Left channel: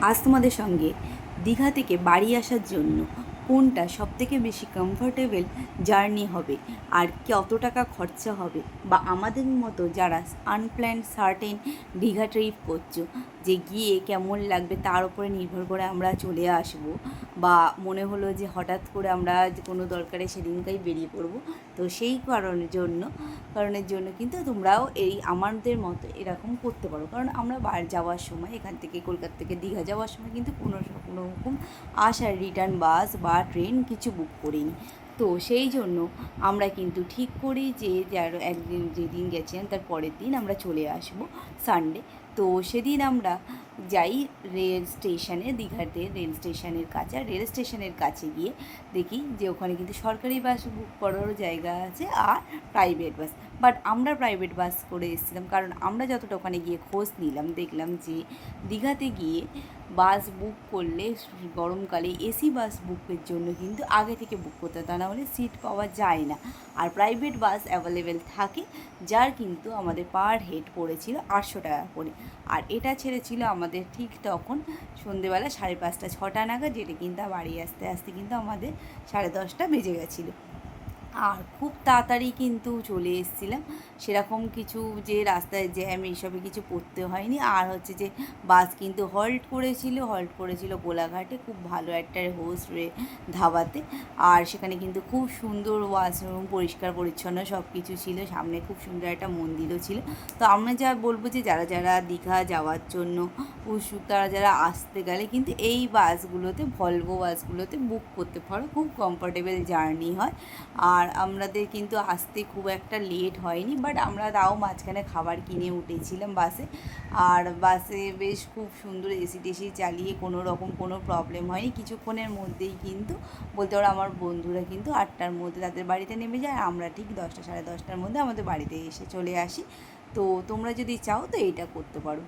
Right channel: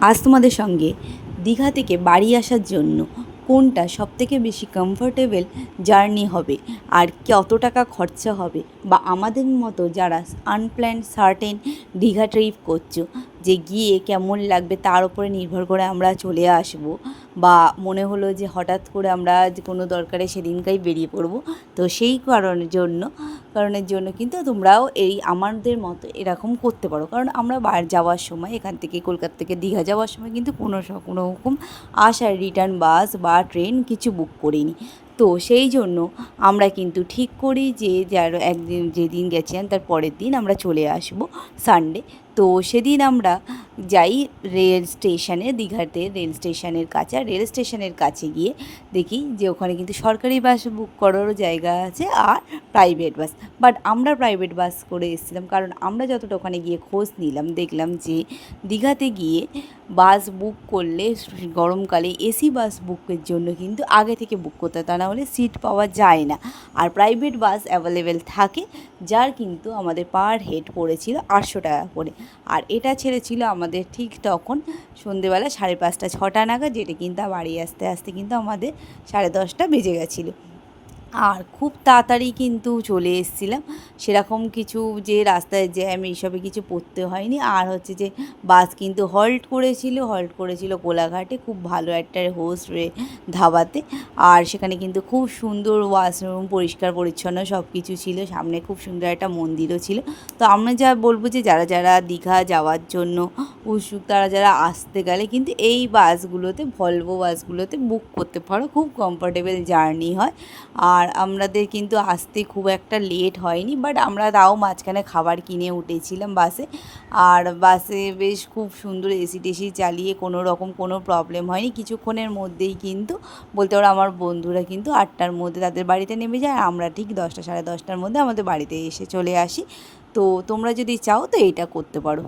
আজ তোমাদের সঙ্গে দীঘা থেকে বাড়ি আসার জন্য কোনটা সবথেকে বেশি কমফোর্টেবল জার্নি হবে আর কত টাকা খরচা হবে, বা আমাদের মতো যারা আনপ্ল্যান্ড সার্টেন দীঘা ট্রিপ করছো যে গিয়ে কেমন লাগবে তার উপরে নির্ভর করে আমরা চলে আসব, বা মনে হলো যে হঠাৎ করে আমরা যে কোনো দরকারে সেদিনকাই বেরিয়ে পড়বো, তো সেই কারণের জন্য কিন্তু তোমরাও এই আমাদের মতো এরকম করতে পারো। কারণ আমরা যাওয়ার সময় এখান থেকে কলকাতা থেকে দীঘা যাওয়ার সময় কিন্তু কোনো রকম আসার রিটার্ন বাস বা ট্রেন কিছু বুক করিনি। তো সেই জন্য আমরা কিন্তু ঠিক করি যে যার একদিন যেদিন গেছিলাম তার পরের দিন আমরা চলে আসব সানডে। তো সেদিন আমরা যাই রেল স্টেশনে, দীঘাতে রেল স্টেশনের কাছে। আর রেল স্টেশনের কাছে গিয়ে দেখি যে ওখানে কিন্তু সরকারি বাস বুক করারও জায়গা আছে আর প্রাইভেট বাস। বাট আমরা প্রাইভেট বাস করে এসেছিলাম, কারণ আমরা যতটা ওখানে গিয়ে খোঁজ নিলাম দেখলাম যে দীঘাতে গিয়ে বাস বুক করলে গরমকালে এসি বাস বুকের জন্য কিন্তু আগে থেকে বুক করতে হয়, তা না হলে সিট পাওয়া যায় না। আর প্রাইভেট বাস অ্যাভেলেবেল থাকে, যার কিন্তু আমাদের পার হেড পড়েছিল 800 টাকা করে। আর এটা ছেড়েছিল আমাদের ঠিক তখন সন্ধেবেলা 5:30-6টা নাগাদ, যেটা কিন্তু বাড়ি আসতে আসতে কিন্তু আমাদের 10:30 বেজে গেছিলো। আর খুব তাড়াতাড়ি কিন্তু চলে এসেছিলাম, সেরকম কিছু যে রাস্তায় জ্যাম এইসবে কিছু পড়তে হয়নি। আর হচ্ছে যে বাস কিন্তু হল্ট করেছিল কোলাঘাটে, খুব ভালো একটা হোস্ট ধাবাতে। আর সেখানে কিন্তু খুব সুন্দর ওয়াশরুম, পরিষ্কার পরিচ্ছন্ন সব কিছু ছিল, সামনে খুব সুন্দর একটা মন্দিরও ছিল। তো আমরা যা বলবো যে যারা যারা দীঘা যাওয়ার জন্য উৎসুক, তারা যারা আসতে গেলে কিন্তু এই বাসগুলোতে, ভলভো বাসগুলোতে বুক করতে পারো, খুব কমফোর্টেবল জার্নি হয়। আর আমাদের কিন্তু আসতে খুব একটা লেট হয়নি, বাট আমরা তাও মাঝখানে খাবার কিনে উঠেছিলাম বাসে। আর বাসে বেশ খুব সুন্দর এসি টেসি চালিয়ে কোনো রকম কোনো প্রবলেম হয়নি। কিছুক্ষণের মধ্যেই কিন্তু বলতে পারো আমার বন্ধুরা কিন্তু 8টার মধ্যে তাদের বাড়িতে নেমে যায়, আর আমরা ঠিক 10টা 10:30টার মধ্যে আমাদের বাড়িতে এসে চলে আসি। তো তোমরা যদি চাও তো এইটা করতে পারো।